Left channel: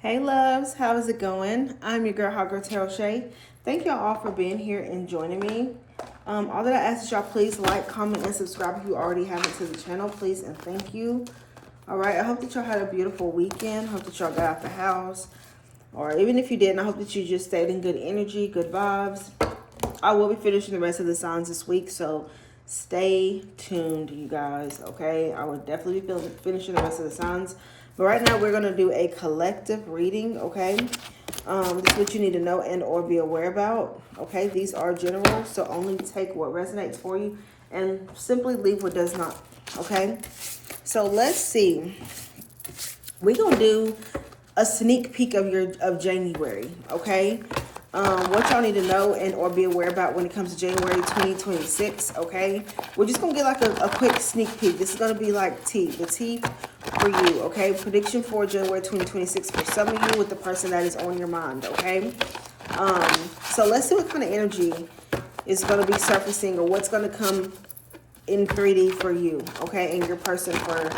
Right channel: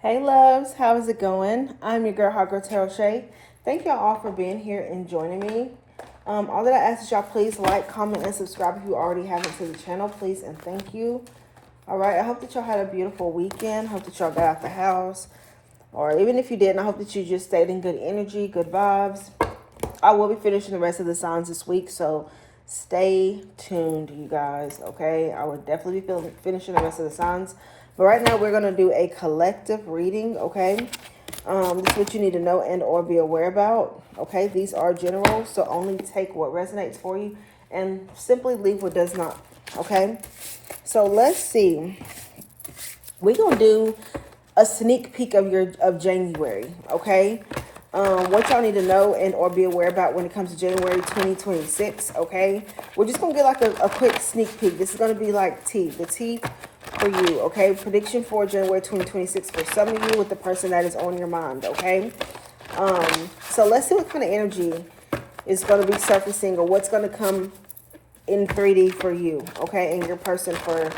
Hey loves, how's it going? I'm your girl Hot Girl Tarot Shay. Thank y'all all for being here and joining me. All that I ask is y'all please like, comment, and subscribe if you already haven't to the channel, please and thank you. Alright, I hope that y'all had a beautiful weekend. Hope that y'all got out the house. Or even if you didn't, I hope that you just stayed in good energy, good vibes. I will be finishing the rest of the signs this week, so stay tuned, you guys, okay? I will definitely be finishing the rest of the signs. But right now, we're going to do a collective reading, okay? This is what you need to know and or be aware about, okay? These are general, so only take what resonates for you and simply leave what does not, okay? So let's see. We're going to do a sneak peek of January, okay? What y'all need to know and or be aware about when it comes to January 2026, okay? We're just going to get like a quick sneak peek. This is going to be like the tea for you, okay? Prediction for January 2026 for some of you with the person that is on your mind, okay? So let's see what kind of energy is going to be surfacing or what's going to come in 3D for you, okay? And your person for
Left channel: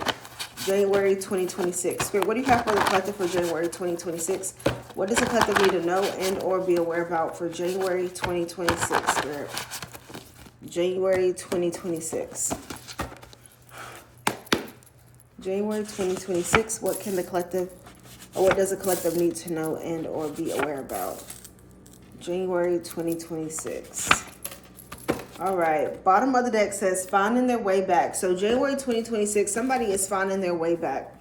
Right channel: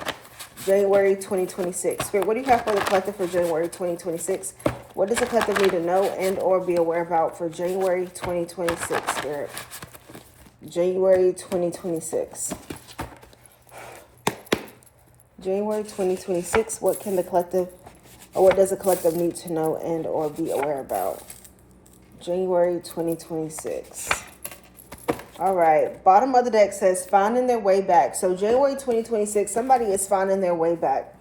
January 2026. Spirit, what do you have for the collective for January 2026? What does the collective need to know and or be aware about for January 2026, Spirit? January 2026. January 2026, what can the collective, or what does the collective need to know and or be aware about? January 2026. All right, bottom of the deck says finding their way back. So January 2026, somebody is finding their way back.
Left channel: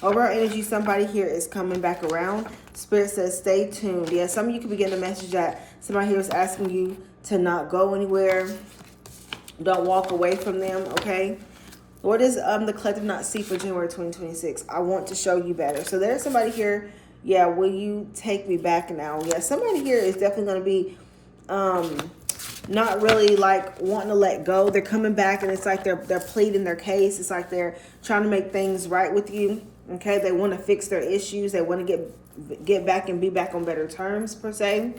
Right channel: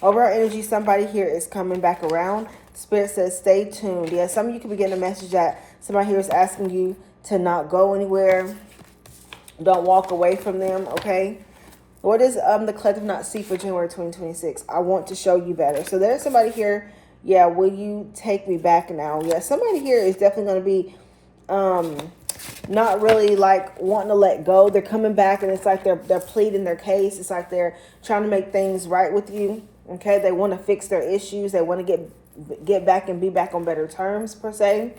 Overall energy, somebody here is coming back around. Spirit says stay tuned. Yeah, some of you could be getting a message that somebody here is asking you to not go anywhere. Don't walk away from them, okay? What does the collective not see for January 2026? I want to show you better. So there's somebody here. Yeah, will you take me back now? Yeah, somebody here is definitely going to be not really like wanting to let go. They're coming back and it's like they're pleading their case. It's like they're trying to make things right with you. Okay, they want to fix their issues. They want to get back and be back on better terms per se.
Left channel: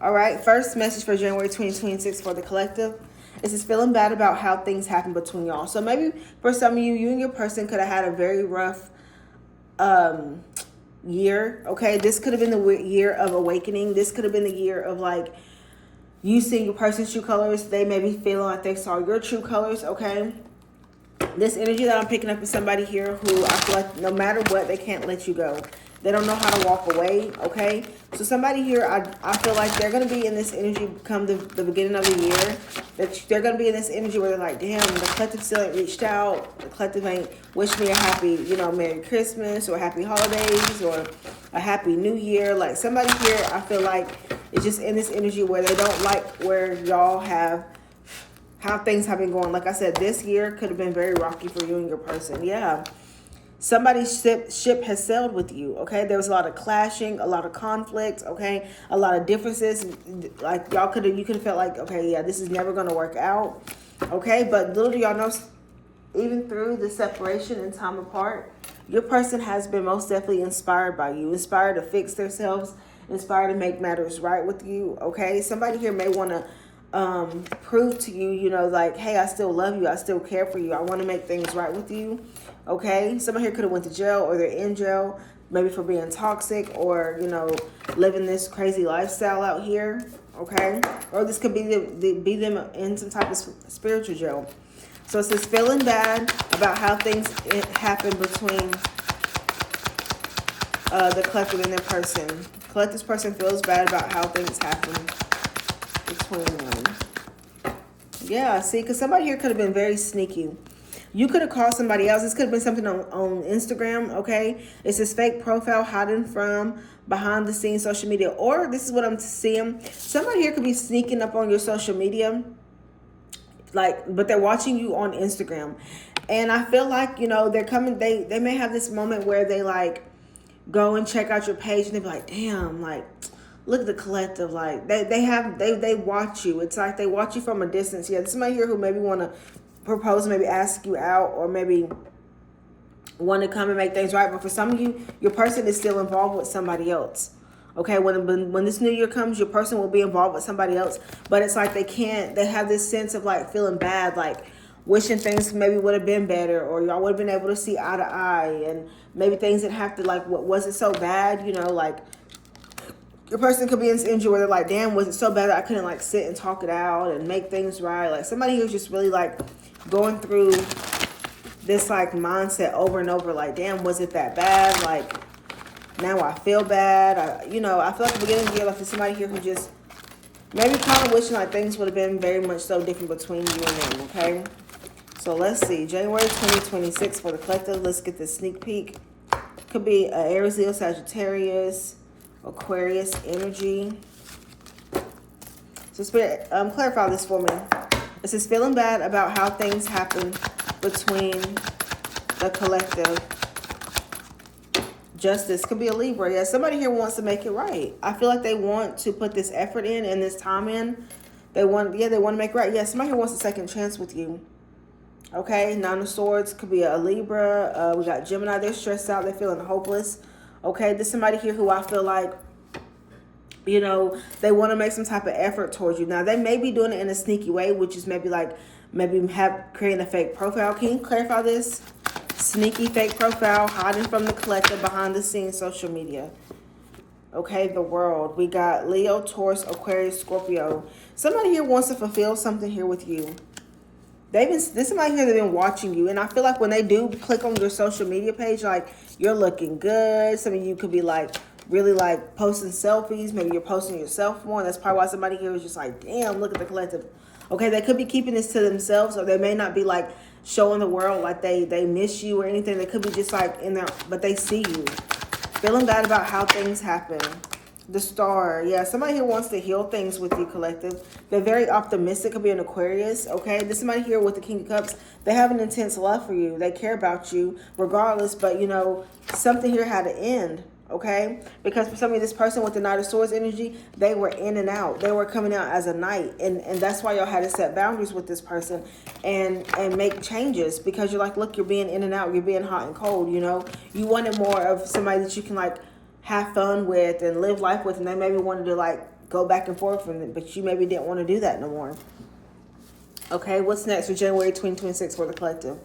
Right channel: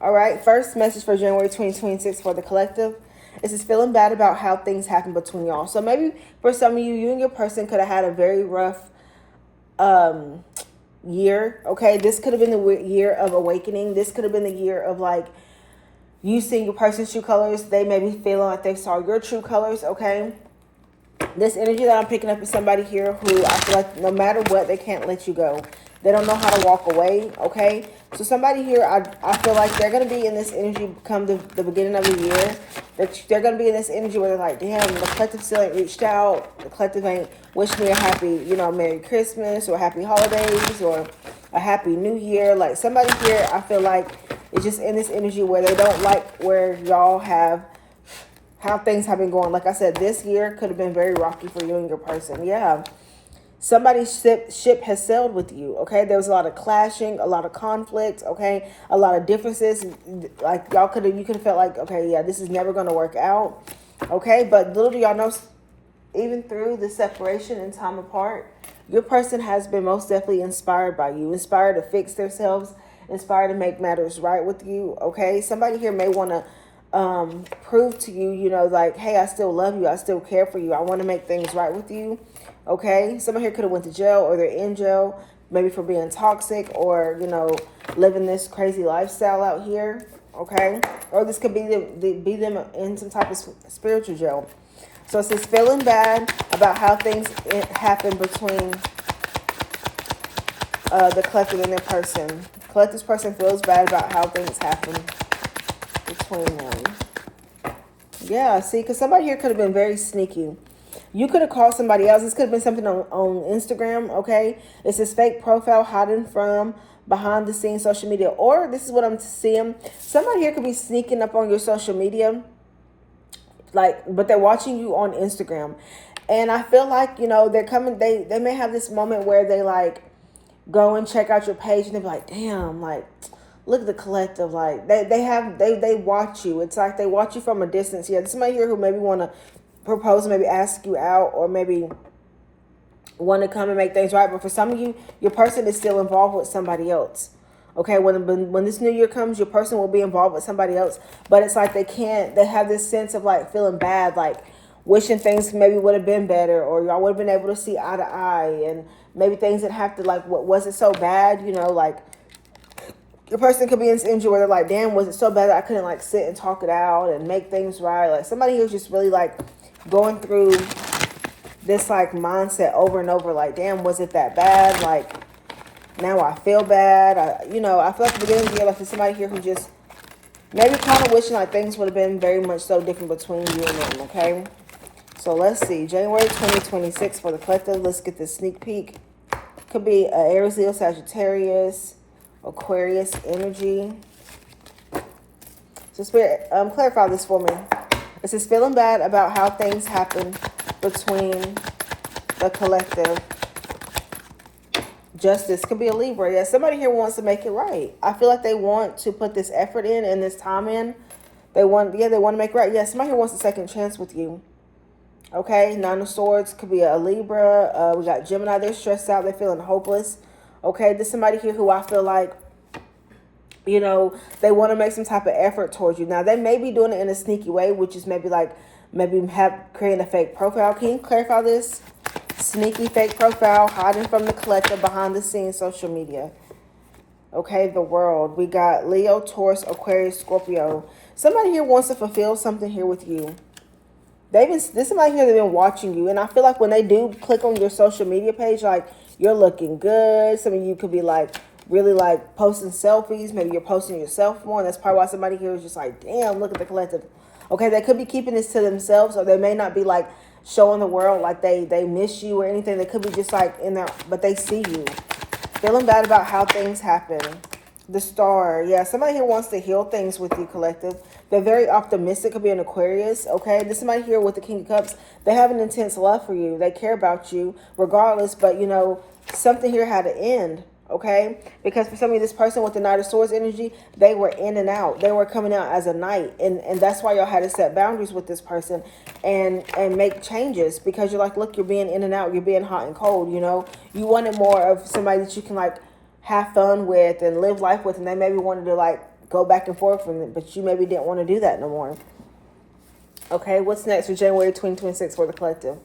All right, first message for January 2026 for the collective. This is feeling bad about how things happen between y'all. So maybe for some of you, you and your person could have had a very rough year. Okay, this could have been the year of awakening. This could have been the year of like you seeing your person's true colors. They may be feeling like they saw your true colors, okay? This energy that I'm picking up is somebody here who I feel like no matter what, they can't let you go. They don't know how to walk away, okay? So somebody here, I feel like they're going to be in this energy come the beginning of the year. They're going to be in this energy where they're like, damn, the collective still ain't reached out. The collective ain't wished me a happy, Merry Christmas or happy holidays or a happy new year. Like somebody here, I feel like is just in this energy where they don't like where y'all have how things have been going. Like I said, this year could have been very rocky for you and your person. Yeah. Somebody's ship has sailed with you, okay? There was a lot of clashing, a lot of conflict, okay? A lot of differences. Like you could have felt like, okay, yeah, this is never going to work out, okay? But little do y'all know, even through the separation and time apart, your person has been most definitely inspired by you, inspired to fix themselves, inspired to make matters right with you, okay? Somebody here may want to prove to you, like, hey, I still love you. I still care for you. I want to make things right with you. Okay. Someone here could have went to jail or they're in jail, maybe for being toxic or, living this crazy lifestyle out here. Okay. Or this could be them in some type of spiritual jail. So it says feeling bad about how things happen between the collective and their person. Collective's person feels bad about how things happen between them. Yeah, see, because somebody here could have been very sneaky. You could have called somebody else. This could have been something on Instagram, okay? It's this fake profile hiding from behind the scenes social media. Or this is what I'm seeing. Somebody here could be sneaking up on your social media, but they're watching you on Instagram. And I feel like, they're coming, they may have this moment where they like go and check out your page and they're like, damn, like, look at the collective. Like they watch you. It's like they watch you from a distance. Yeah, there's somebody here who maybe want to propose, maybe ask you out, or maybe want to come and make things right. But for some of you, your person is still involved with somebody else. Okay, when this new year comes, your person will be involved with somebody else. But it's like they have this sense of like feeling bad, like wishing things maybe would have been better, or y'all would have been able to see eye to eye, and maybe things that have to, like, what wasn't so bad, you know, like, the person could be in this energy where they're like, damn, was it so bad that I couldn't, like, sit and talk it out and make things right? Like, somebody who's just really, like, going through this, like, mindset over and over, like, damn, was it that bad? Like, now I feel bad. You know, I feel like the beginning of the year, like, there's somebody here who just maybe kind of wishing like things would have been very much so different between you and them, okay? So let's see. January 2026 for the collective. Let's get the sneak peek. Could be Aries, Leo, Sagittarius, Aquarius energy. So Spirit, clarify this for me. It says feeling bad about how things happen between the collective. Justice could be a Libra. Yeah, somebody here wants to make it right. I feel like they want to put this effort in and this time in. They want to make it right. Yeah, somebody here wants a second chance with you. Okay, Nine of Swords could be a Libra. We got Gemini. They're stressed out. They're feeling hopeless. Okay, there's somebody here who I feel like, you know, they want to make some type of effort towards you. Now, they may be doing it in a sneaky way, which is maybe creating a fake profile. Can you clarify this? Sneaky fake profile, hiding from the collective, behind the scenes, social media. Okay, the world. We got Leo, Taurus, Aquarius, Scorpio. Somebody here wants to fulfill something here with you. There's somebody here that's been watching you. And I feel like when they do click on your social media page, like, you're looking good. Some of you could be like really like posting selfies. Maybe you're posting yourself more. And that's probably why somebody here is just like, damn, look at the collective. Okay, they could be keeping this to themselves, or they may not be like showing the world like they miss you or anything. They could be just like in there, but they see you. Feeling bad about how things happen. The Star. Yeah, somebody here wants to heal things with you, collective. They're very optimistic. Could be an Aquarius, okay? There's somebody here with the King of Cups. They have an intense love for you. They care about you regardless, but, you know, something here had to end, okay? Because for some of you, this person with the Knight of Swords energy, they were in and out. They were coming out as a knight, and that's why y'all had to set boundaries with this person and make changes, because you're like, look, you're being in and out. You're being hot and cold, you know? You wanted more of somebody that you can, like, have fun with and live life with, and they maybe wanted to like go back and forth from it, but you maybe didn't want to do that no more. Okay, what's next for January 2026 for the collective?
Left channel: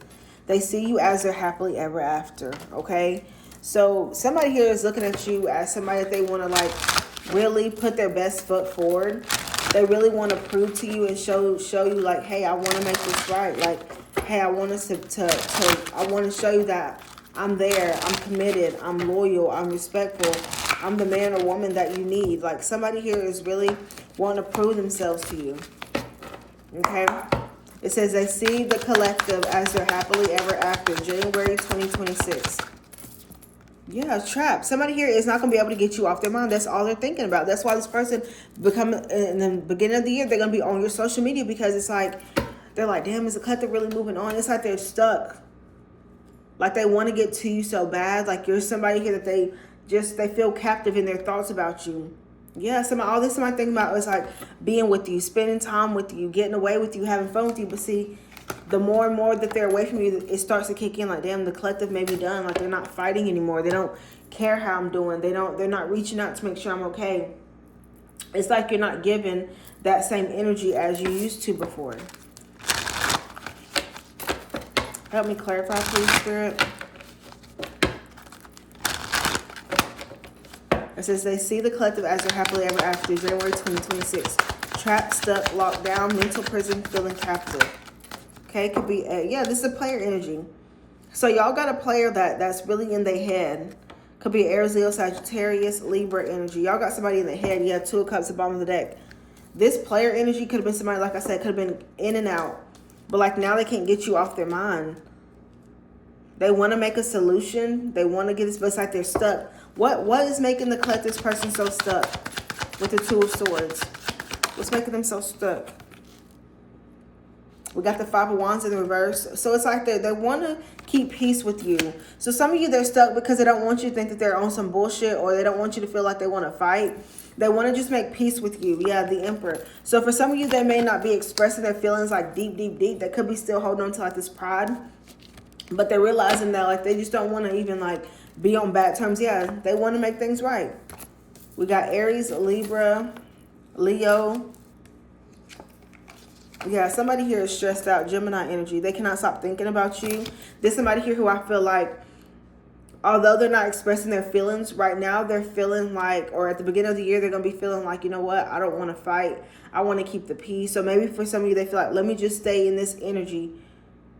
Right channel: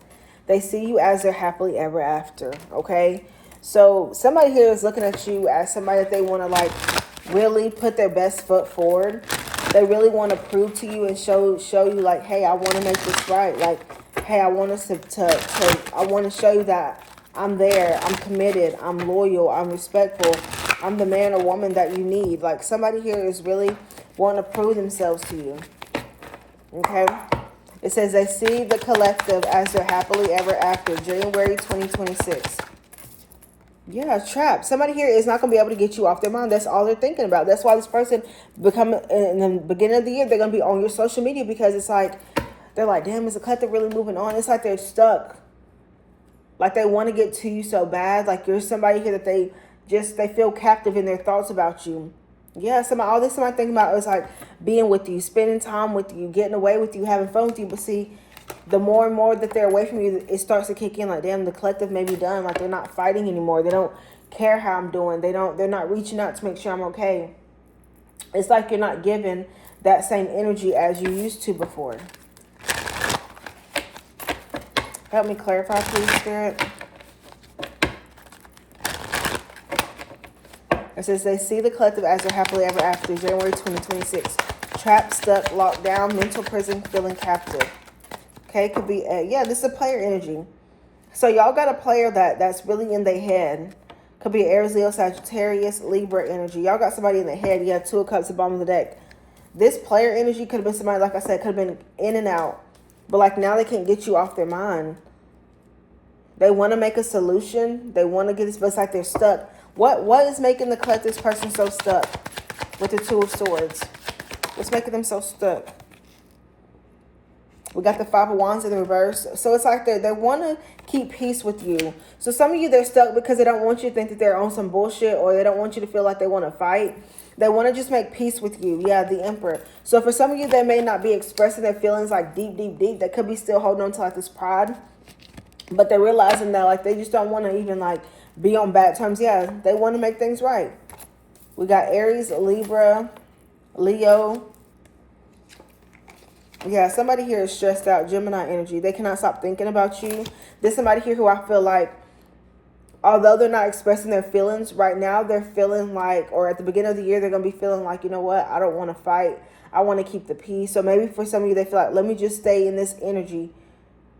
They see you as their happily ever after. Okay, so somebody here is looking at you as somebody that they want to like really put their best foot forward. They really want to prove to you and show you like, hey, I want to make this right. Like, hey, I want us I want to show you that I'm there, I'm committed, I'm loyal, I'm respectful, I'm the man or woman that you need. Like, somebody here is really wanting to prove themselves to you. Okay? It says they see the collective as their happily ever after, January 2026. Yeah, trap. Somebody here is not going to be able to get you off their mind. That's all they're thinking about. That's why this person in the beginning of the year, they're going to be on your social media, because it's like, they're like, damn, is the collective really moving on? It's like they're stuck. Like, they want to get to you so bad. Like, you're somebody here that they feel captive in their thoughts about you. Yeah, all this somebody thinking about is like being with you, spending time with you, getting away with you, having fun with you. But see, the more and more that they're away from you, it starts to kick in. Like, damn, the collective may be done. Like, they're not fighting anymore. They don't care how I'm doing. They're not reaching out to make sure I'm okay. It's like you're not giving that same energy as you used to before. Help me clarify, please, Spirit. It says they see the collective as their happily ever after, January 2026. Trapped, stuck, locked down, mental prison, feeling captive. Okay, could be, this is a player energy. So y'all got a player that's really in their head. Could be Aries, Leo, Sagittarius, Libra energy. Y'all got somebody in the head. You have Two of Cups at the bottom of the deck. This player energy could have been somebody, like I said, could have been in and out. But like now they can't get you off their mind. They want to make a solution. They want to get this, but it's like they're stuck. What is making the collective person so stuck with the Two of Swords? What's making them so stuck? We got the Five of Wands in the reverse. So it's like they want to keep peace with you. So some of you, they're stuck because they don't want you to think that they're on some bullshit, or they don't want you to feel like they want to fight. They want to just make peace with you. Yeah, the Emperor. So for some of you, they may not be expressing their feelings like deep. They could be still holding on to like this pride. But they're realizing that like they just don't want to even like be on bad terms. Yeah, they want to make things right. We got Aries, Libra, Leo. Yeah, somebody here is stressed out. Gemini energy. They cannot stop thinking about you. There's somebody here who I feel like although they're not expressing their feelings right now, they're feeling like, or at the beginning of the year, they're going to be feeling like, you know what, I don't want to fight. I want to keep the peace. So maybe for some of you, they feel like, let me just stay in this energy.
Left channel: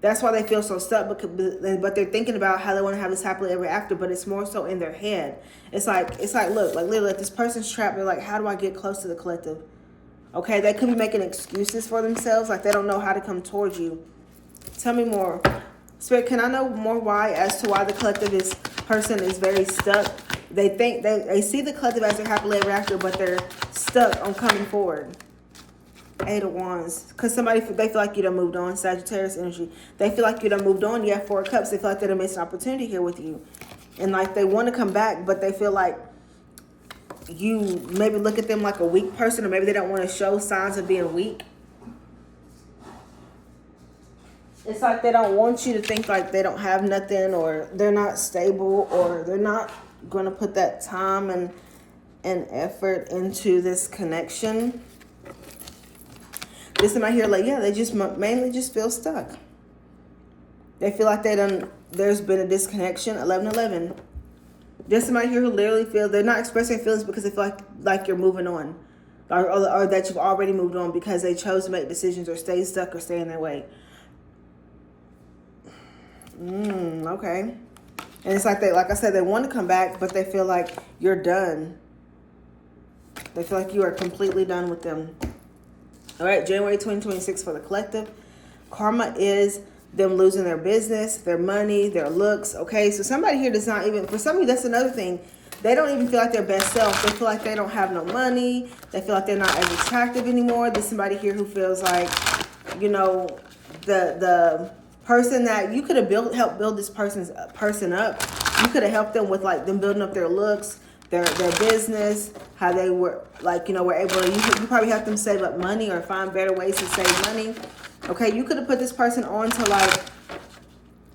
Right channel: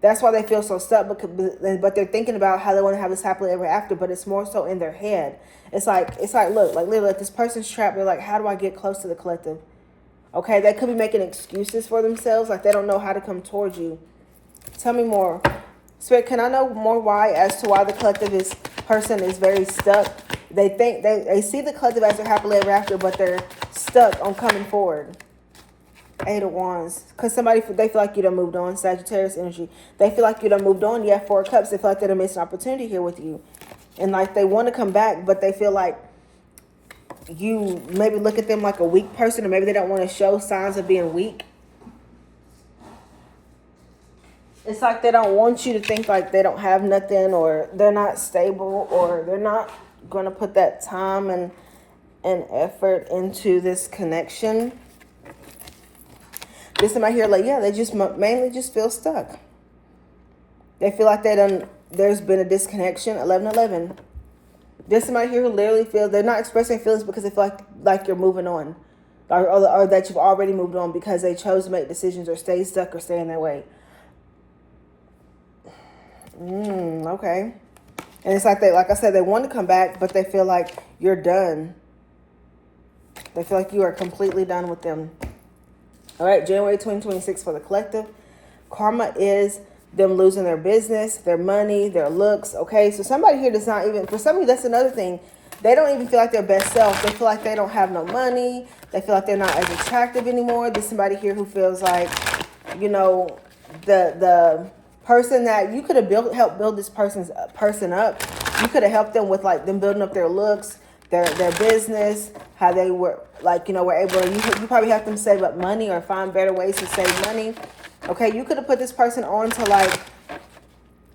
That's why they feel so stuck, but they're thinking about how they want to have this happily ever after, but it's more so in their head. It's like, look, like literally, like this person's trapped. They're like, how do I get close to the collective? Okay, they could be making excuses for themselves, like they don't know how to come towards you. Tell me more. Spirit, can I know more why as to why the collective, this person is very stuck? They think they see the collective as their happily ever after, but they're stuck on coming forward. 8 of Wands. Because they feel like you done moved on. Sagittarius energy. They feel like you done moved on. You have 4 of Cups. They feel like they done missed an opportunity here with you. And like they want to come back, but they feel like you maybe look at them like a weak person, or maybe they don't want to show signs of being weak. It's like they don't want you to think like they don't have nothing, or they're not stable, or they're not going to put that time and effort into this connection. This somebody here, like, yeah, they just mainly just feel stuck. They feel like there's been a disconnection. 11-11. There's somebody here who literally feels they're not expressing feelings because they feel like you're moving on, or that you've already moved on because they chose to make decisions or stay stuck or stay in their way. Okay. And it's like like I said, they want to come back, but they feel like you're done. They feel like you are completely done with them. All right, January 2026 for the collective. Karma is them losing their business, their money, their looks. Okay, so somebody here does not even, for some of you, that's another thing. They don't even feel like their best self. They feel like they don't have no money. They feel like they're not as attractive anymore. There's somebody here who feels like, you know, the person that you could have helped build this person up. You could have helped them with like them building up their looks, their business, how they were like, you know, were able to, you probably have them save up money or find better ways to save money. Okay, you could have put this person on to like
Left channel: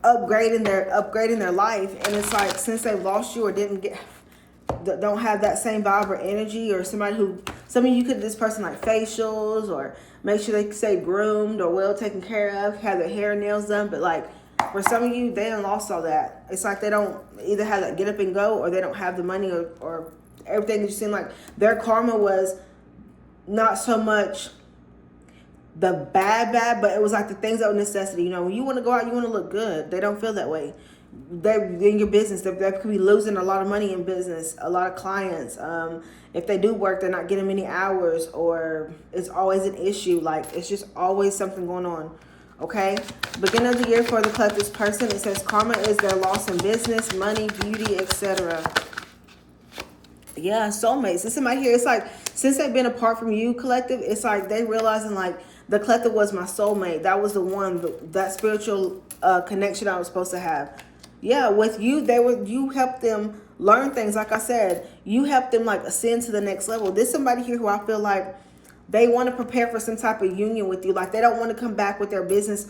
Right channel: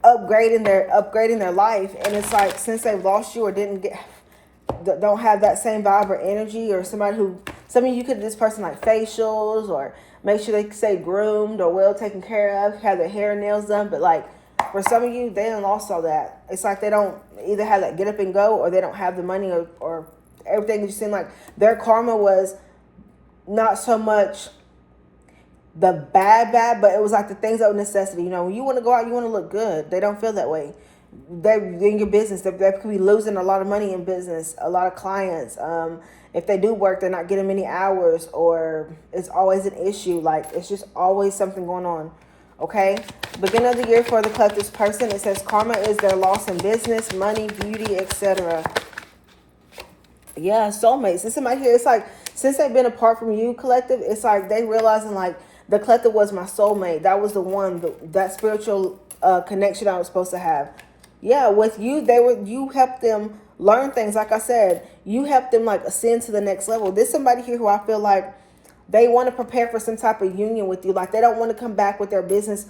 upgrading their life, and it's like since they've lost you or don't have that same vibe or energy, or some of you could have this person like facials, or make sure they stay groomed or well taken care of, have their hair and nails done, but like for some of you, they done lost all that. It's like they don't either have that get up and go, or they don't have the money, or everything. You seem like their karma was not so much the bad, but it was like the things that were necessity. You know, when you want to go out, you want to look good. They don't feel that way. They're in your business. They could be losing a lot of money in business, a lot of clients. If they do work, they're not getting many hours, or it's always an issue. Like it's just always something going on. Okay, beginning of the year for the collective person, it says karma is their loss in business, money, beauty, etc. Yeah, soulmates. This somebody here, it's like since they've been apart from you, collective, it's like they realizing like the collective was my soulmate. That was the one, that spiritual connection I was supposed to have. Yeah, with you, you helped them learn things. Like I said, you helped them like ascend to the next level. There's somebody here who I feel like they want to prepare for some type of union with you. Like they don't want to come back with their business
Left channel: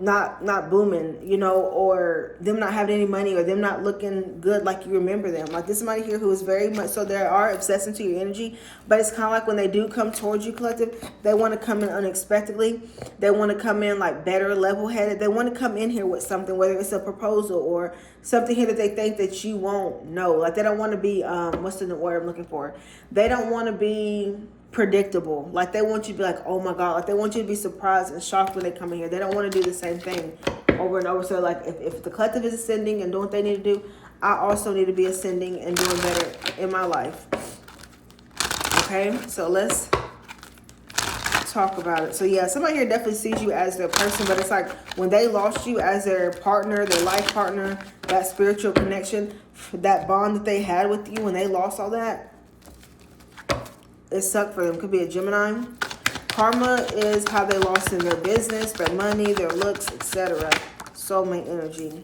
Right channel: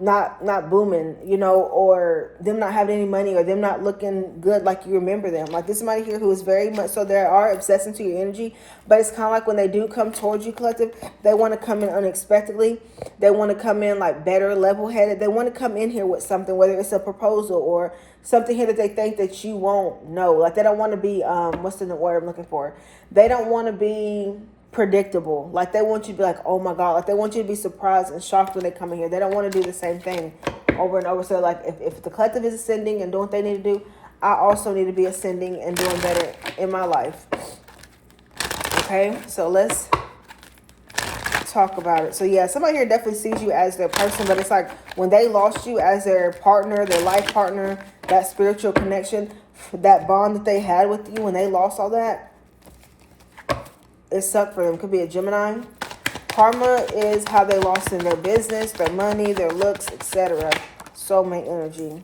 not booming, you know, or them not having any money, or them not looking good like you remember them. Like this somebody here who is very much so, they are obsessed into your energy, but it's kind of like when they do come towards you, collective, they want to come in unexpectedly. They want to come in like better, level-headed. They want to come in here with something, whether it's a proposal or something here that they think that you won't know. Like they don't want to be what's the word I'm looking for? They don't want to be predictable. Like they want you to be like, oh my God, like they want you to be surprised and shocked when they come in here. They don't want to do the same thing over and over. So like if the collective is ascending and doing what they need to do, I also need to be ascending and doing better in my life. Okay, so let's talk about it. So yeah, somebody here definitely sees you as their person, but it's like when they lost you as their partner, their life partner, that spiritual connection, that bond that they had with you, when they lost all that, it sucked for them. Could be a Gemini. Karma is how they lost in their business, their money, their looks, etc. Soulmate energy.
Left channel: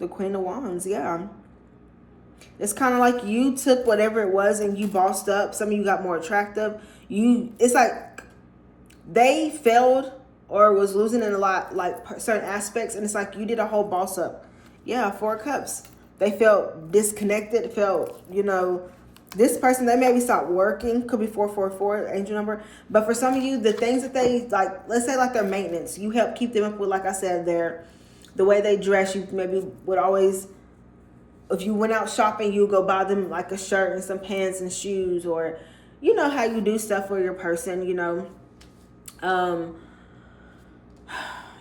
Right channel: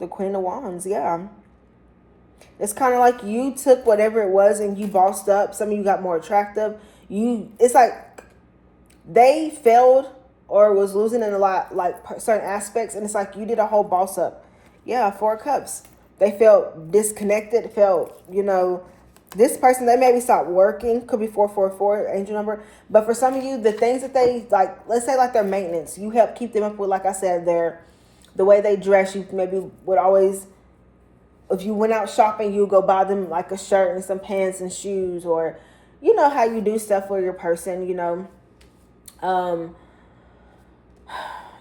The Queen of Wands, yeah. It's kind of like you took whatever it was and you bossed up. Some of you got more attractive. It's like they failed or was losing in a lot, like certain aspects, and it's like you did a whole boss up. Yeah, 4 of Cups. They felt disconnected, felt, you know, this person, they maybe stopped working. Could be 444, angel number. But for some of you, the things that they, like, let's say like their maintenance, you help keep them up with, like I said, the way they dress. You maybe would always if you went out shopping, you go buy them like a shirt and some pants and shoes, or you know how you do stuff for your person, you know.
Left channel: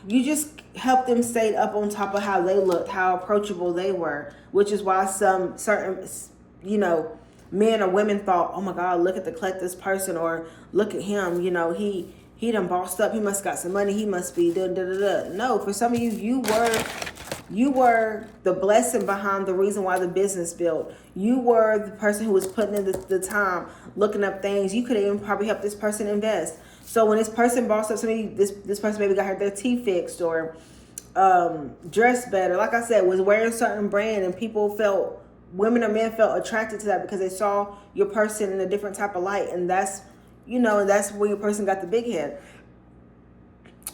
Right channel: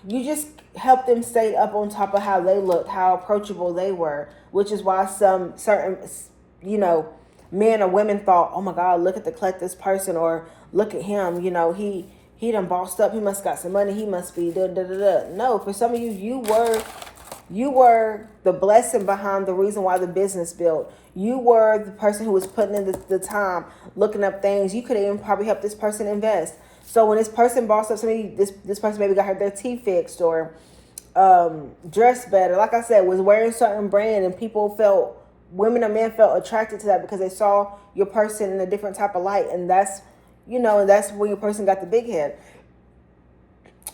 You just help them stay up on top of how they looked, how approachable they were, which is why some certain, you know, men or women thought, oh my God, look at the collector's person, or look at him, you know, he done bossed up, he must got some money, he must be da da da da. No, for some of you, you were the blessing behind the reason why the business built. You were the person who was putting in the time, looking up things. You could have even probably helped this person invest. So when this person bossed up somebody, this person maybe got their teeth fixed, or dressed better, like I said, was wearing a certain brand, and people felt, women or men felt attracted to that because they saw your person in a different type of light. And that's, you know, that's when your person got the big head.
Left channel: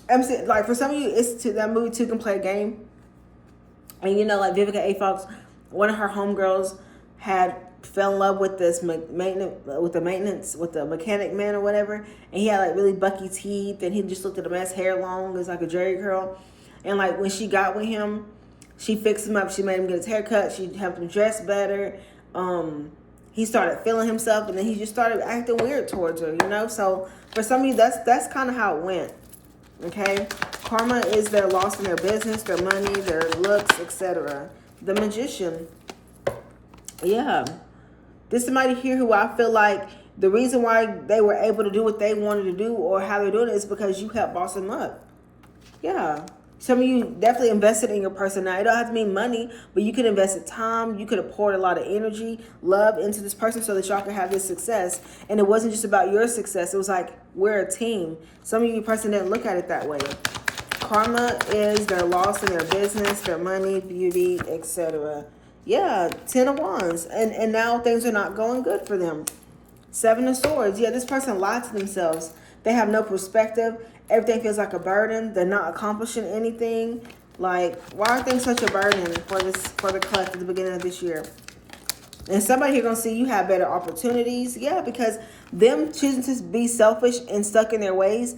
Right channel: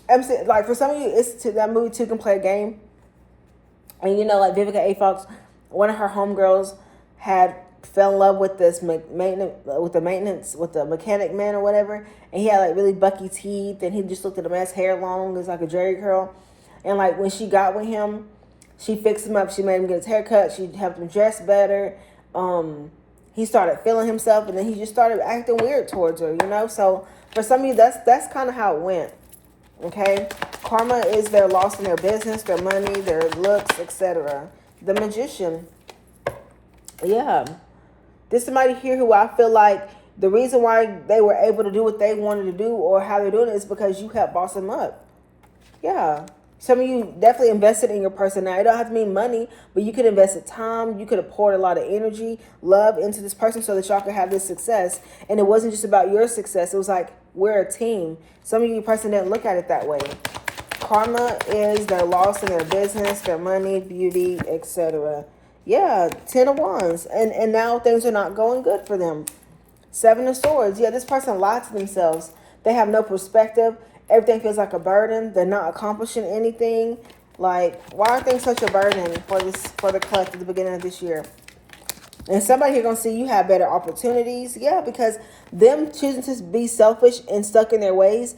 I'm saying, like, for some of you, it's to that movie Two Can Play a Game. And you know, like Vivica A. Fox, one of her homegirls fell in love with this with the mechanic man or whatever, and he had like really bucky teeth, and he just looked at him as hair long, it was like a Jerry curl. And like when she got with him, she fixed him up, she made him get his hair cut, she helped him dress better. He started feeling himself, and then he just started acting weird towards her, you know. So for some of you, that's kind of how it went. Okay, karma is their loss in their business, their money, their looks, etc. The Magician. Yeah, there's somebody here who I feel like the reason why they were able to do what they wanted to do, or how they're doing it, is because you helped boss them up. Yeah, some of you definitely invested in your person. Now, it don't have to mean money, but you could invest in time. You could have poured a lot of energy, love into this person so that y'all could have this success. And it wasn't just about your success. It was like, we're a team. Some of you person didn't look at it that way. Karma is their loss in their business, their money, beauty, etc. Yeah, 10 of Wands. And now things are not going good for them. 7 of Swords. Yeah, this person lied to themselves. They have no perspective. Everything feels like a burden. They're not accomplishing anything. Like, why are things such a burden for the collective at the beginning of this year? And somebody here gonna see you have better opportunities. Yeah, because them choosing to be selfish and stuck in their ways,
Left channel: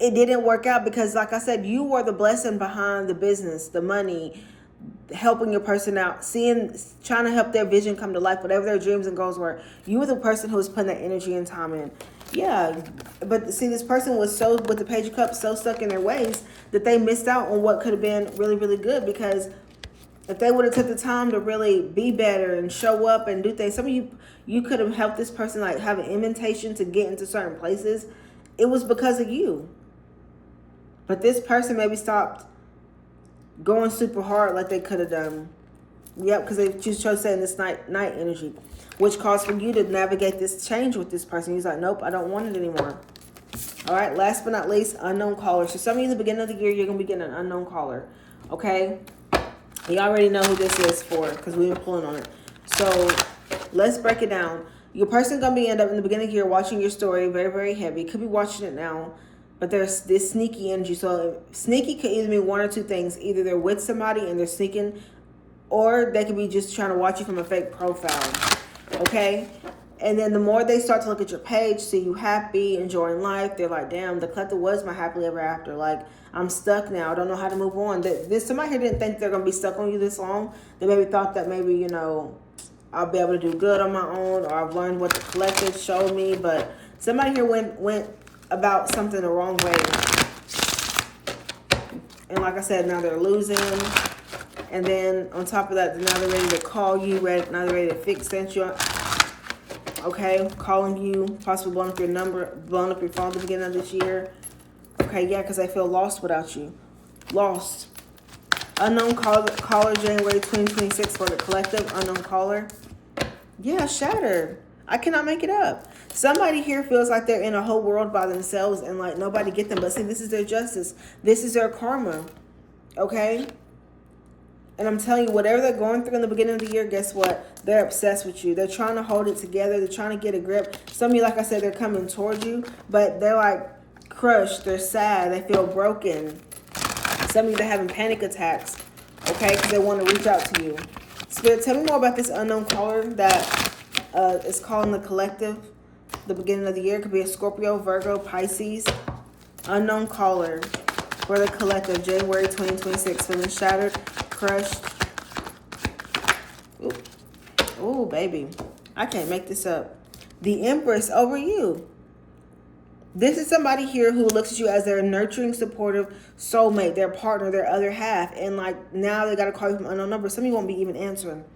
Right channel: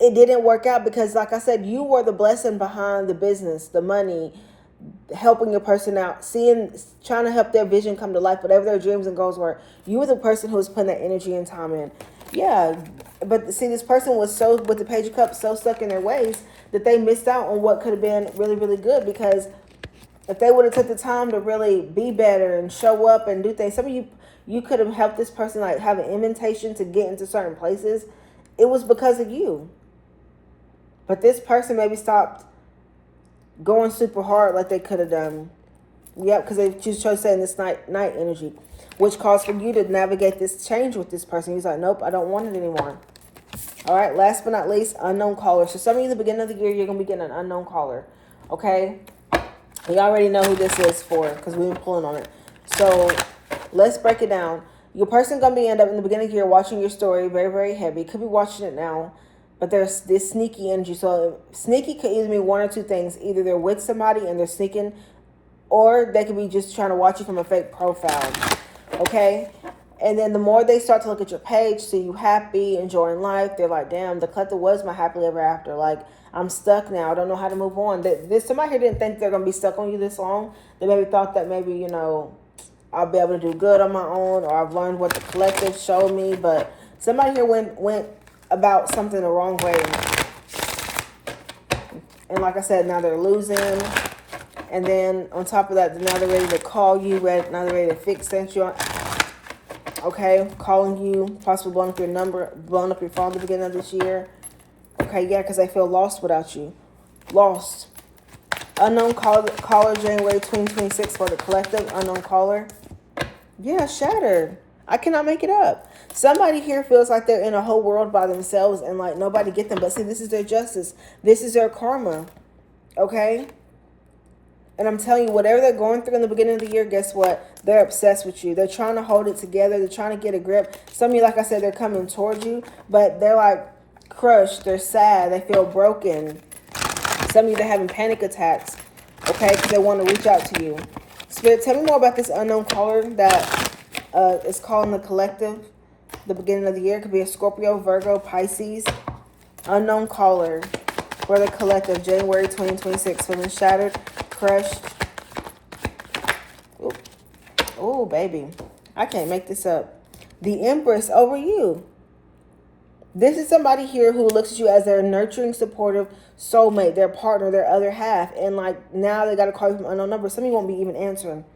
it didn't work out because, like I said, you were the blessing behind the business, the money, helping your person out, trying to help their vision come to life, whatever their dreams and goals were. You were the person who was putting that energy and time in. Yeah, but see, this person was so, with the Page of Cups, so stuck in their ways that they missed out on what could have been really, really good. Because if they would have took the time to really be better and show up and do things, some of you could have helped this person like have an invitation to get into certain places. It was because of you. But this person maybe stopped going super hard like they could have done. Yep, because they chose to stay in this night energy, which caused for you to navigate this change with this person. He's like, nope, I don't want it anymore. All right, last but not least, unknown caller. So some of you in the beginning of the year, you're going to be getting an unknown caller. Okay? You already know who this is for because we've been pulling on it. So let's break it down. Your person going to end up in the beginning of the year watching your story very, very heavy. Could be watching it now. But there's this sneaky energy. So sneaky could either mean one or two things. Either they're with somebody and they're sneaking, or they could be just trying to watch you from a fake profile. Okay? And then the more they start to look at your page, see you happy, enjoying life, they're like, damn, the collector was my happily ever after. Like, I'm stuck now. I don't know how to move on. Somebody here didn't think they're going to be stuck on you this long. They maybe thought that maybe, you know, I'll be able to do good on my own, or I've learned what the collective showed me. But somebody here went about something the wrong way. And like I said, now they're losing. And then on top of that, now they're ready to call you, now they're ready to fix you. Okay, calling you, possibly blowing up your number, blowing up your phone at the beginning of this year. Okay, yeah, because they feel lost without you. Lost. Unknown caller, January 2026 for the collective. Unknown caller. Yeah, shattered. I cannot make it up. Somebody here feels like they're in a whole world by themselves and like nobody get them. But see, this is their justice. This is their karma. Okay? And I'm telling you, whatever they're going through in the beginning of the year, guess what? They're obsessed with you. They're trying to hold it together. They're trying to get a grip. Some of you, like I said, they're coming towards you, but they're like crushed. They're sad. They feel broken. Some of you, they're having panic attacks, okay, because they want to reach out to you. Spirit, tell me more about this unknown caller that is calling the collective the beginning of the year. It could be a Scorpio, Virgo, Pisces. Unknown caller for the collective, January 2026. Feeling shattered, crushed. Oh, baby. I can't make this up. The Empress over you. This is somebody here who looks at you as their nurturing, supportive soulmate, their partner, their other half. And like now they got a call from unknown number. Some of you won't be even answering.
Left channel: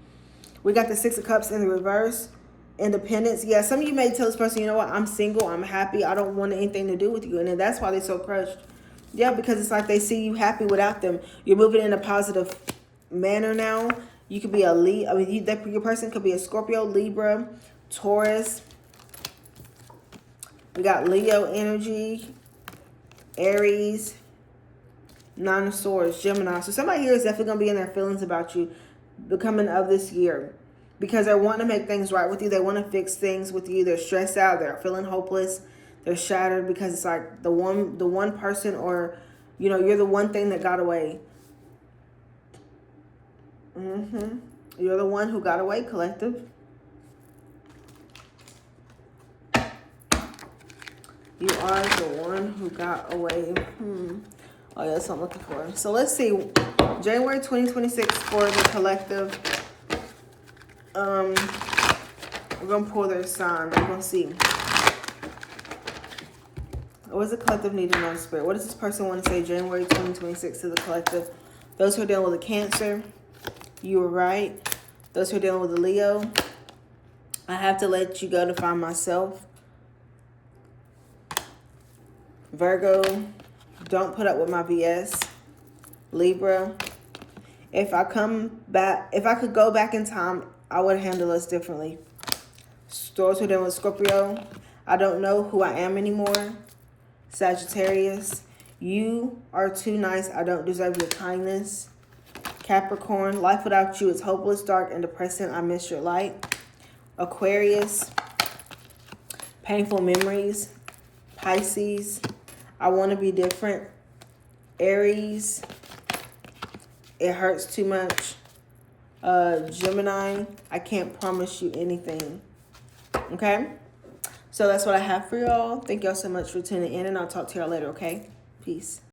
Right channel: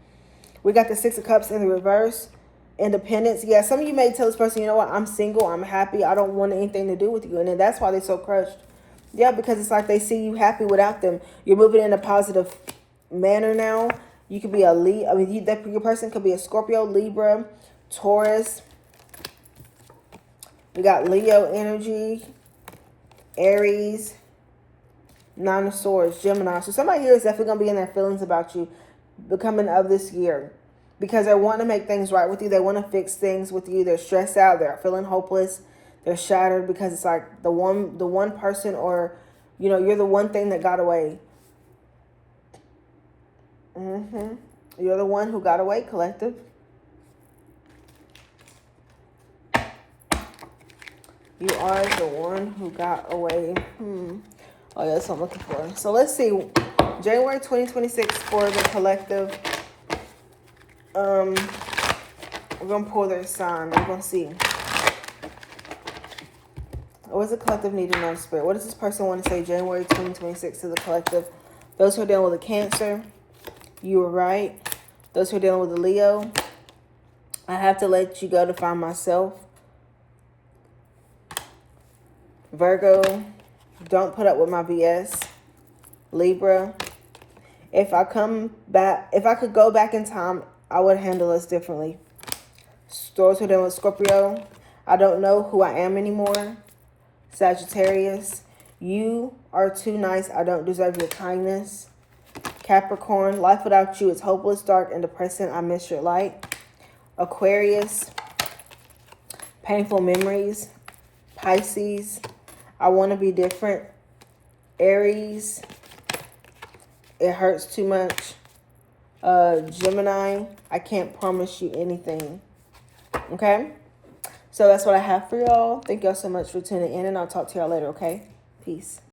We got the Six of Cups in the reverse. Independence. Yeah, some of you may tell this person, you know what, I'm single, I'm happy, I don't want anything to do with you. And then that's why they're so crushed. Yeah, because it's like they see you happy without them. You're moving in a positive manner now. You could be a Leo. I mean, your person could be a Scorpio, Libra, Taurus. We got Leo energy, Aries, Nine of Swords, Gemini. So somebody here is definitely going to be in their feelings about you becoming of this year. Because they want to make things right with you. They want to fix things with you. They're stressed out. They're feeling hopeless. They're shattered because it's like the one person, or, you know, you're the one thing that got away. You're the one who got away, collective. You are the one who got away. Oh, that's what I'm looking for. So let's see. January 2026 for the collective. We're going to pull their sign. We're going to see. What does the collective need to know, Spirit? What does this person want to say January 2026 to the collective? Those who are dealing with a Cancer, you were right. Those who are dealing with a Leo, I have to let you go to find myself. Virgo, don't put up with my BS. Libra, if I could go back in time, I would handle this differently. Those who are dealing with Scorpio, I don't know who I am anymore. Sagittarius, you are too nice. I don't deserve your kindness. Capricorn, life without you is hopeless, dark, and depressing. I miss your light. Aquarius, painful memories. Pisces, I want to be different. Aries, it hurts too much. Gemini, I can't promise you anything. Okay? So that's what I have for y'all. Thank y'all so much for tuning in, and I'll talk to y'all later, okay? Peace.